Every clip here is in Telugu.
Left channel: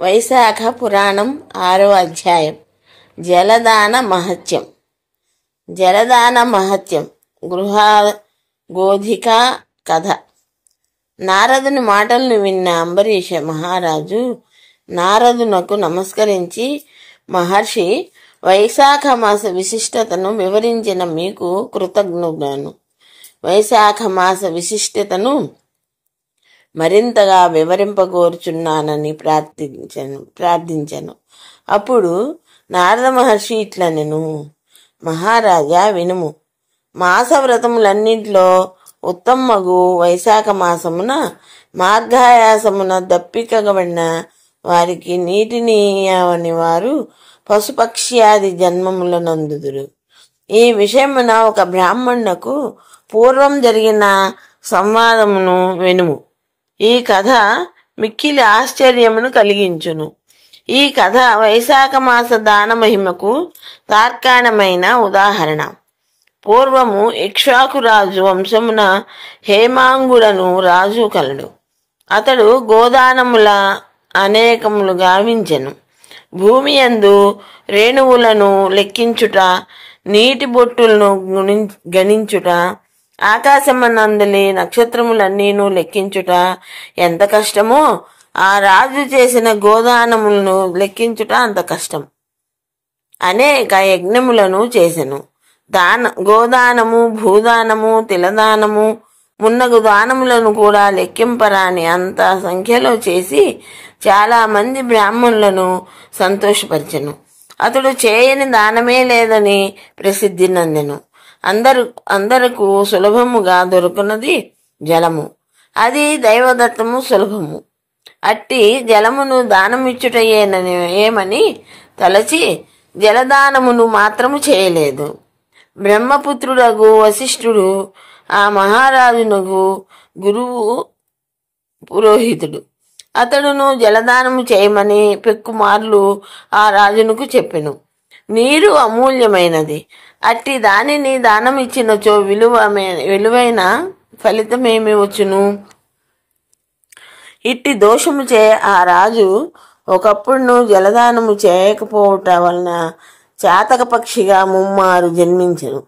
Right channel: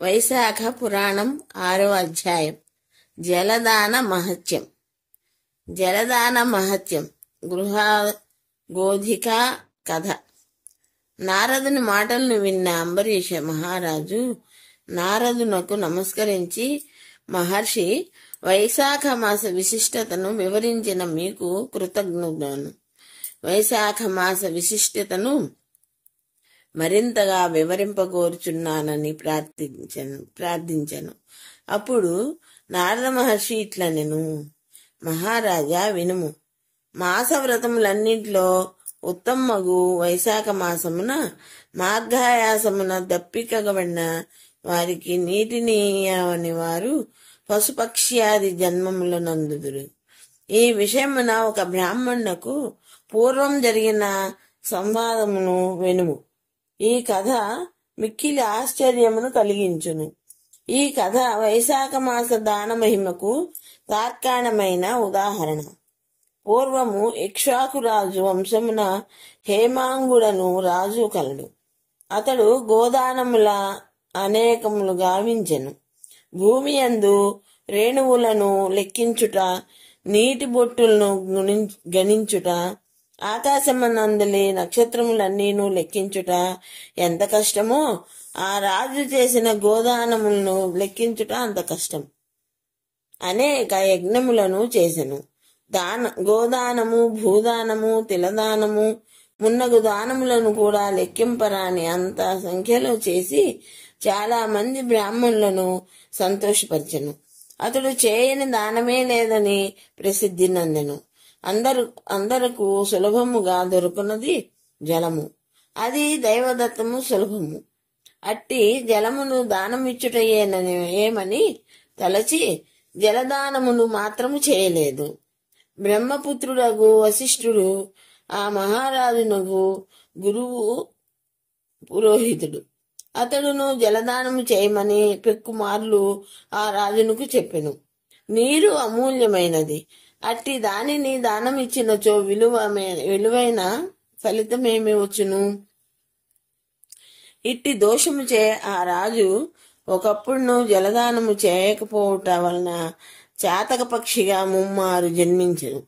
వైశాఖ పురాణం 6వ అధ్యాయం. జలదాన మహత్యం. జలదాన మహత్యం. గృహగోధిక కథ. నారదుని మాటలను విన్న అంబరీష మహారాజు నారదునకు నమస్కరించి, మహర్షి, వైశాఖ మాస విశిష్టతను వివరించిన మీకు కృతజ్ఞుడను. వైశాఖ మాస విశిష్టతను మరింతగా వివరింపగోరుచున్నానని ప్రార్థించను. అప్పుడు నారద మహర్షి ఇట్లనెను, మహారాజా వినుము. మాస వ్రతములన్నింటిలో ఉత్తమగు వైశాఖ మాసమున మార్గాయాసమున దప్పికబడిన వారికి నీటినీయని వారు పశుపక్ష్యాది జన్మములనందుదురు. ఈ విషయమున ఒక బ్రాహ్మణునకు పూర్వం జరిగిన సంవాదమును వినుము. ఈ కథ మిక్కిలి ఆశ్చర్యమును కలిగించును. ఈ కథ వైశాఖ మాస దాన మహిమకు తార్కాణమైన ఉదాహరణ. పూర్వము ఇక్ష్వాకురాజు వంశమున హేమాంగుడను రాజు కలడు. అతడు గోదానముల అనేకములు గావించెను. భూమి యందు రేణువులను లెక్కించుట, నీటి బొట్టులను గణించుట, ఆకాశమనందలి నక్షత్రములన్నీను లెక్కించుట ఎంత కష్టమో ఆ రాజు చేసిన గోదానములను లెక్కించుట అంత కష్టం. అనేక యజ్ఞములను చేసెను. గోదానము, భూదానము, తిలదానము మున్నగు దానములను కూడా లెక్కింపరాని అంత సంఖ్యలో చేసి చాలా మంది బ్రాహ్మణులను సంతోషపరిచెను. అతడు చేయని దానమే లేదని ప్రసిద్ధి నందెను. అందరకు సులభముగా దొరుకున్నది జలము. అది దైవదత్తము, సులభము. అట్టి జలమును ఏమని తలచి జలదానమును మాత్రము చేయలేదు. బ్రహ్మపుత్రుడగు వశిష్ఠుడు ఆ మహారాజునకు గురువు, పురోహితుడు. అతడును జలదానము చేయమని పెక్కుమార్లు ఆ రాజునకు చెప్పెను. నీరు అమూల్యమైనది. అట్టి దానిని దానమిచ్చినచో విలువైన ఫలితమేమి వచ్చును? ఇట్టి దోషము చే ఆ రాజు ఒకప్పుడు జలదానము చేయకపోవట వలన చాతక పక్షిగా ముమ్మారు జన్మించెను.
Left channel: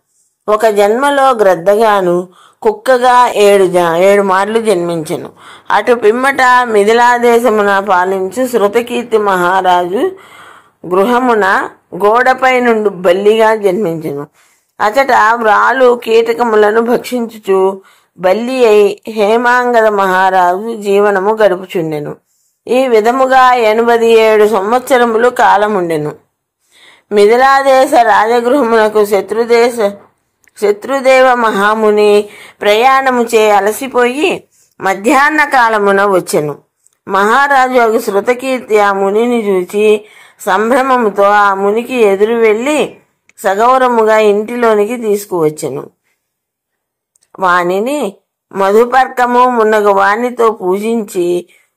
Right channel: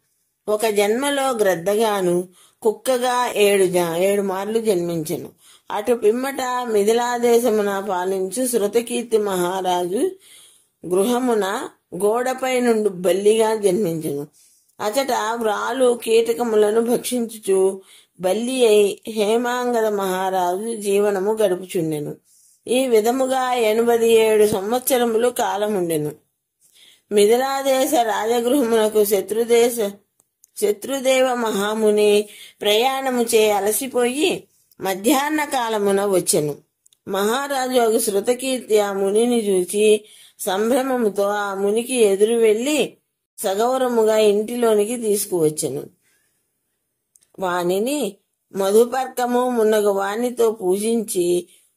ఒక జన్మలో గ్రద్దగాను, కుక్కగా 7 మార్లు జన్మించెను. అటు పిమ్మట మిథిలాదేశమున పాలించు శృతకీర్తి మహారాజు గృహమున గోడపై నుండి బల్లిగా జన్మించెను. అచట వ్రాలు కీటకములను భక్షించుచు బల్లి అయి హేమాంగద మహారాజు జీవనము గడుపుచుండెను. ఈ విధముగా 87 సంవత్సరములు కాలముండెను. మిథిలాదేశ రాజగృహమునకు శత్రుదేవ మహాముని ప్రయాణము చే అలసిపోయి మధ్యాహ్న కాలమున వచ్చెను. మహారాజు శృతకీర్తి ఆ మునిని చూచి సంభ్రమముతో ఆ మునికి ఎదురు వెళ్లి సగౌరముగా ఇంటిలోనికి తీసుకువచ్చెను. వానిని మధుపర్కము మున్నగు వానితో పూజించి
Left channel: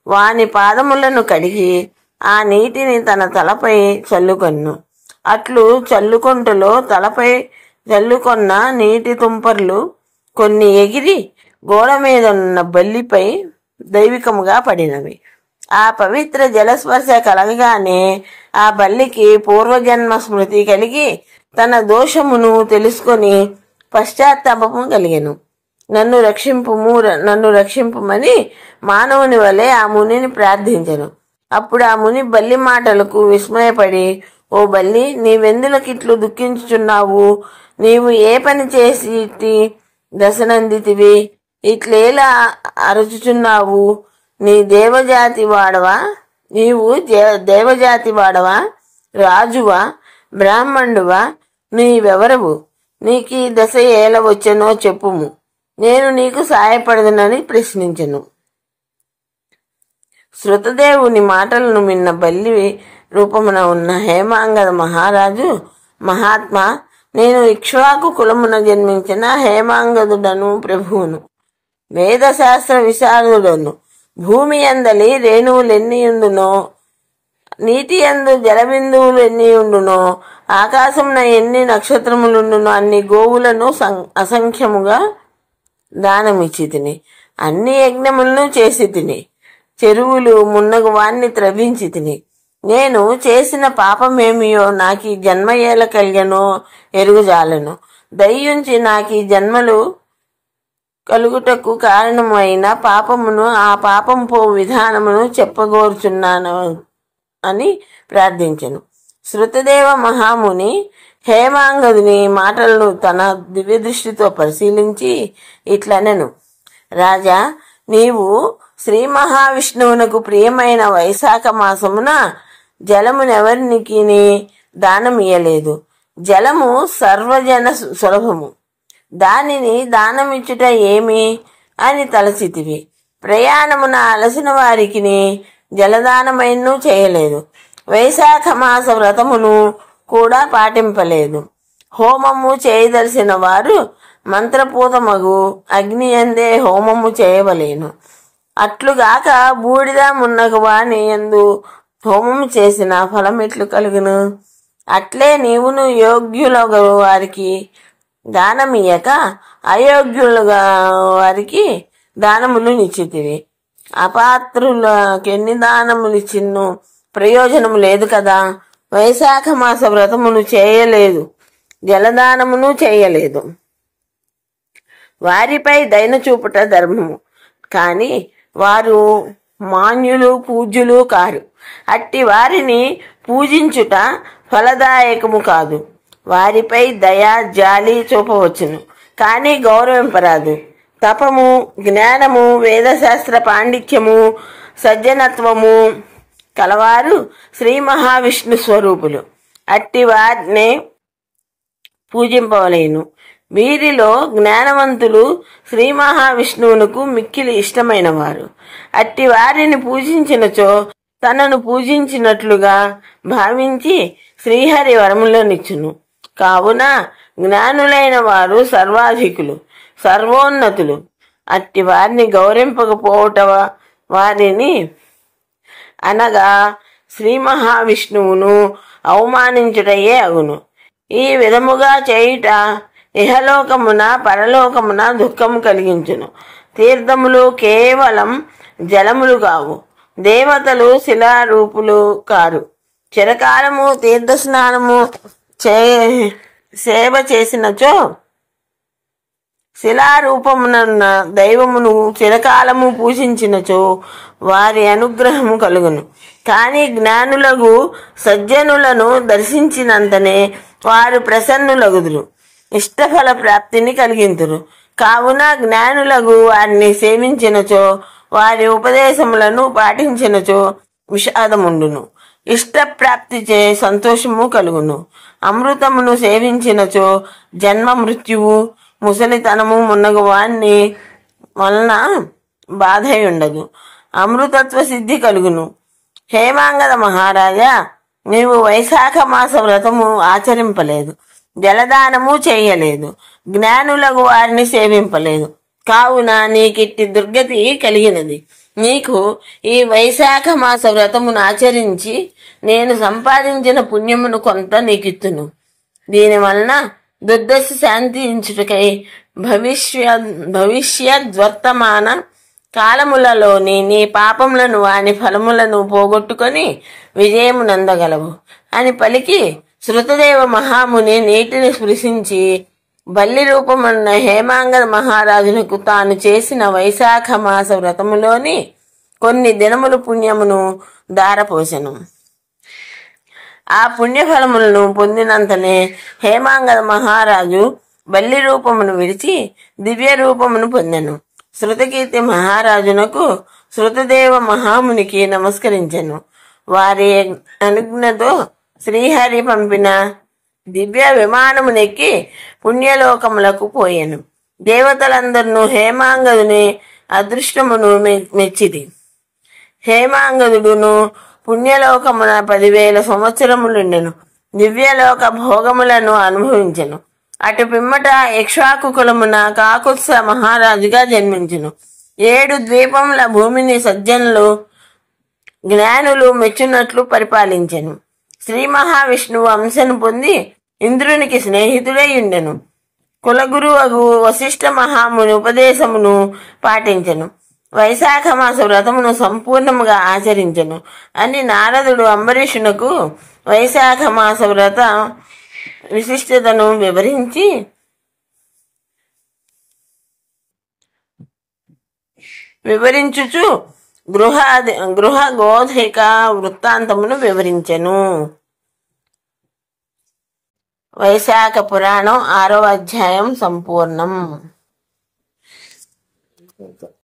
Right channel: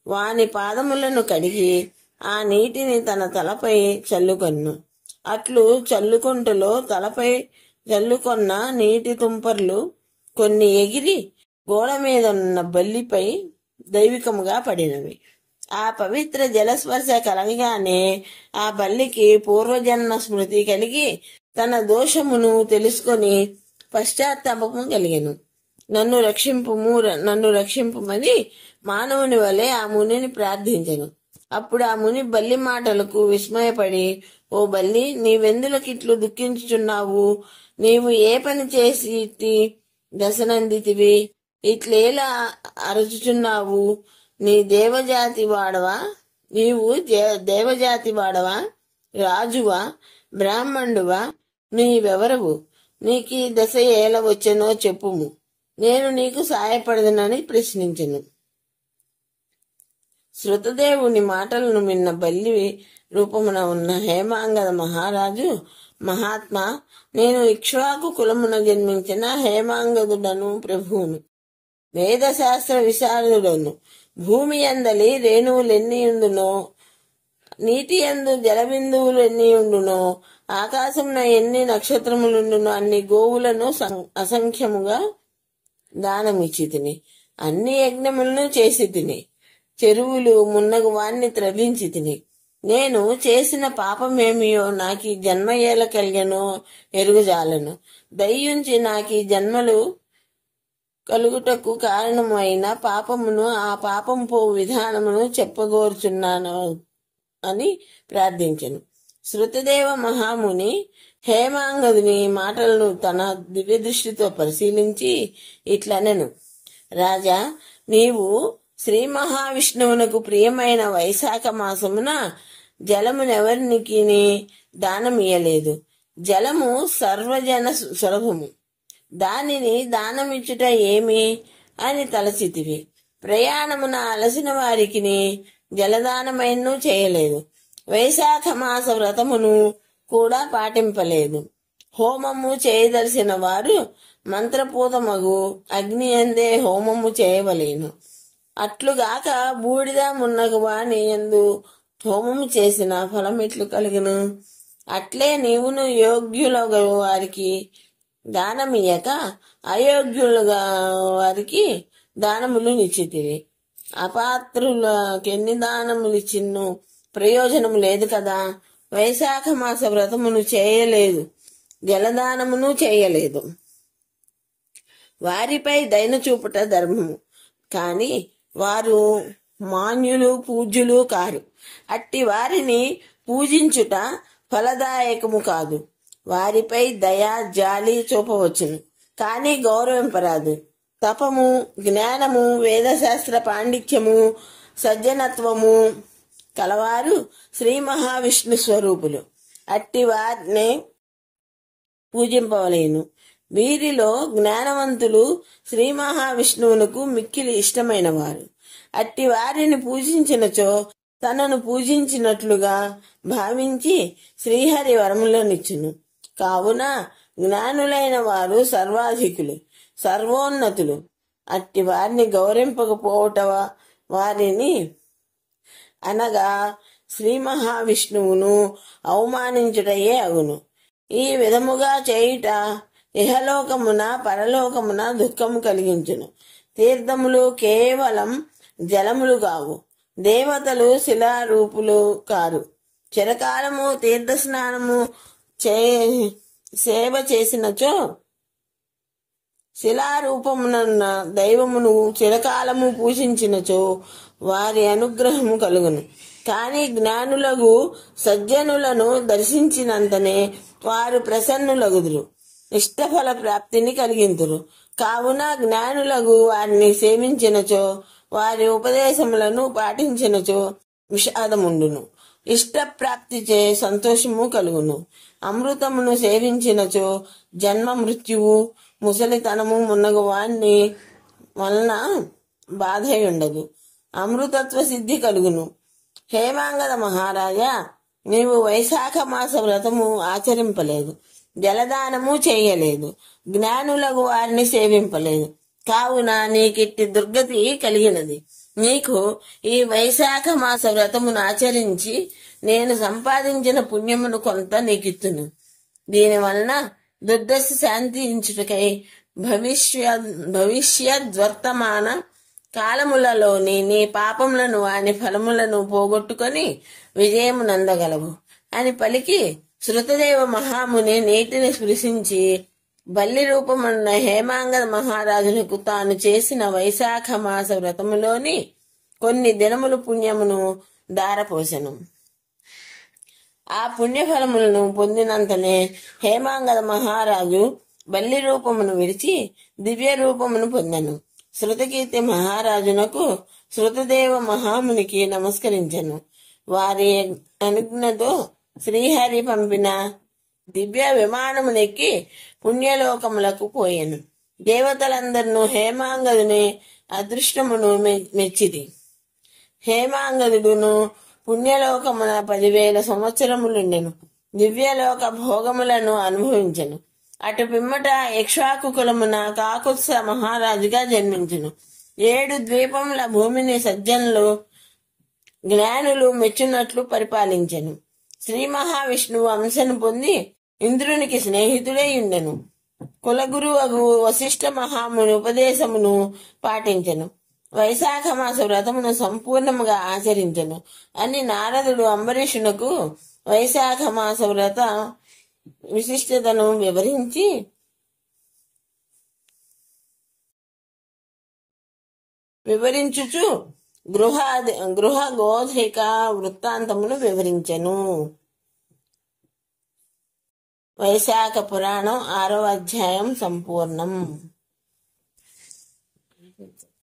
వాని పాదములను కడిగి ఆ నీటిని తన తలపై చల్లుకొన్ను. అట్లు చల్లుకొంటలో తలపై చల్లుకొన్న నీటి తుంపర్లు కొన్ని ఎగిరి గోడ మీద ఉన్న బల్లిపై దైవికముగా పడినవి. ఆ పవిత్ర జలస్పర్శ కలగగానే ఆ బల్లికి పూర్వజన్మ స్మృతి కలిగి తన దోషమును తెలుసుకొని పశ్చాత్తాపము కలిగెను. నన్ను రక్షింపుమని మానవుని వలె ఆ మునిని ప్రార్థించెను. అప్పుడు ఆ ముని బల్లి మాటలకు విస్మయపడి, ఓ బల్లి, నీవెందులకిట్లు దుఃఖించుచున్నావు? నీవు ఏ పని చేసి ఇట్టి దశనందితివి? ఇట్లేలా అరచుచున్నావు? నీవు దేవజాతి వాడవా? రాజువా? బ్రాహ్మణుడువా? నీవెవరవు? నీకీ దశ ఎలా వచ్చెనో చెప్పుము, నేను నీకు సాయపడదునని ప్రశ్నించెను. శృతదేవుని మాటలను విన్న బల్లి రూపమున ఉన్న హేమాంగద మహారాజు, మహాత్మా, నేను ఇక్ష్వాకు కులమున జన్మించిన హేమాంగదుడను, ప్రభువును, వేదశాస్త్ర విశారదుడను. భూమి అందలి రేణువులెన్నియుండునో, నీటి యందు జలబిందువులు ఎన్నియుండునో, ఆకాశమున ఎన్ని నక్షత్రములుండునో అన్ని గోవులను అసంఖ్యముగా దానమిచ్చి తిని, అన్ని యజ్ఞములను చేసి తిని, చెరువులు మున్నగు వాణ్ణి త్రవించి తిని. నేను చేసిన పాపమేమియో నాకీ జన్మ ఏల కలిగనో ఎరుగుజాలను. దయ్యుంచి నాకీ జన్మలు కలుగుటకు కారణమైన పాపమును, ఆ పాపం పో విధానమును చెప్పగోరుచున్నాను అని ప్రార్థించెను. శృతదేవ మహాముని హేమాంగదుని మాటలను తన దివ్య దృష్టితో పరిశీలించి ఇట్లనెను. రాజా, నీవు శ్రీ మహావిష్ణువునకు ప్రియమైన వైశాఖ మాసమున జలమునెవరికి దానమియ్యలేదు. జలము సర్వజన సులభము, దానిని దానమిచ్చుట ఏమి అని తలచితివి. ప్రయాణమున అలసిన వారికి జలదానమైనను చేయలేదు. వైశాఖ మాస వ్రతమును కూడా పాటింపలేదు. హోమము చేయదలిసిన వారు మంత్రపూతమగు అగ్ని యందే హోమము చేయవలేను. అట్లుగాక బూడిద మున్నగు వాని యందు హోమము చేసిన ఫలమెట్లు కలుగును? అట్లే నీవును యోగ్యుల వారికి దానమియ్యక అయోగ్యులుగా వారికి దానములు నిచ్చితివి. అపాత్రులకెన్ని దానములిచ్చిన్నో ప్రయోజనము లేదు కదా. వైశాఖ మాస వ్రతమును చేయలేదు, జలదానమును చేయలేదు. వారిపై దయన చూపుట ధర్మము, కాని వారు మాన్యులు పూజ్యులు కారు. అట్టి వారిని పూజించుట ఫలదాయకము కాదు. వారిపై దయా జాలి చూపవచ్చును, కాని గౌరవింపరాదు. తపము, జ్ఞానము, వేదశాస్త్ర పాండిత్యము, సజ్జనత్వము కలవారు శ్రీ మహావిష్ణు స్వరూపులు. అట్టి వారినే పూజింపవలేను. వీరిలో జ్ఞానవంతులు శ్రీ మహావిష్ణువునకు మిక్కిలి ఇష్టమైన వారు. అట్టి వారిని పూజించినచో తనను పూజించినట్లుగా భావించి శ్రీహరి వరములనిచ్చును. కావున జ్ఞానులైన వారు సర్వాధికులు, సర్వోన్నతులు. అట్టి వారిని గౌరవింపకపోవట వారిని అనగా శ్రీ మహావిష్ణువును అవమానించుటయే అగును. ఈ విధముగా చేయుట ఇహలోకమున పరలోకమున దుఃఖము కలిగించును. తీర్థములు కేవలం జలములు కావు, దేవతలు శిలారూపులు కారు. చిరకాలము తీర్థ స్నానము సేవ చేసినచో శిలారూపమున దైవమును చిరకాలము పూజించినచో వారి అనుగ్రహము కలుగును. కాని జ్ఞానులకు సజ్జనులను దర్శించినంతనే వారు ప్రసన్నులగుదురు, ఇష్టఫల ప్రాప్తిని కలిగింతురు. కావున జ్ఞానులకు వారిని సేవించినచో, వారి ఉపదేశములను పాటించినచో విషాదముండును, ఇష్టప్రాప్తి చే సంతోషము కలుగును. అమృతమును సేవించినచో జన్మ మృత్యువు, ముసలితనము మున్నగు వాణ్ణి వలన బాధయుండదు, అమృతత్వ సిద్ధి కలుగును. హేమాంగద మహారాజా, నీవు వైశాఖ మాస వ్రతము ఆచరింపలేదు, జలదానము చేయలేదు, జ్ఞానులకు వారిని సేవింపలేదు. కావున నీకిట్టి దుర్గతి కలిగినది. నీకు ఈ వైశాఖ మాస వ్రతమును ఆచరించి నేను సంపాదించిన పుణ్యమును కొంత నీకిత్తును. దీనివలన దుర్దశ శాంతించుటకై భవిష్యద్వర్తమాన కాలములలోని నీ పాపములను వాని ఫలములను పోగొట్టుకొని విజయము నందగలవు అని పలికి శృతదేవ మహాముని నీటిని స్పృశించి బల్లి రూపమున్న హేమాంగద మహారాజునకు తాను చేసిన వైశాఖ మాస వ్రతములోని కొన్ని దినములు పుణ్యమును దారపోసెను. ఆ పుణ్యఫలములను పొందినంతనే హేమాంగద మహారాజు బల్లి రూపమును విడిచి దివ్య రూపమును పొందెను. శృతకీర్తి మహారాజునకు శృతదేవ మహామునికి నమస్కరించెను. వారి అనుజ్ఞతో శ్రీహరి పంపిన దివ్య విమానమునెక్కి పుణ్యలోకములకు పోయెను. దేవతలందరూ హేమాంగదుని అదృష్టమును మెచ్చిది. హేమాంగదుడును పుణ్యలోకమున 10,000 సంవత్సరములుండెను. దివ్యలోక భోగములను అనుభవించెను. అటు పిమ్మట ఇక్ష్వాకు కులమున కాకుత్స మహారాజుగా జన్మించెను. 7 ద్వీపముల భూమిని సజ్జనులు జ్ఞానులు మెచ్చునట్లు పరిపాలించెను. శ్రీ మహావిష్ణువు అంశను పొంది ఇంద్రునికి స్నేహితుడై ఉండెను. కులగురువగు వశిష్ఠ మహాముని ఉపదేశమును పాటించెను. వైశాఖ మాస వ్రతమును సంపూర్ణముగా ఆచరించెను అని నారదుడు అంబరీషునకు వైశాఖ మాస వ్రత విశిష్టతను వివరించుచు గృహ గోధిక వృత్తాంతమును వివరించెను. వైశాఖ పురాణం 6వ అధ్యాయం సంపూర్ణం.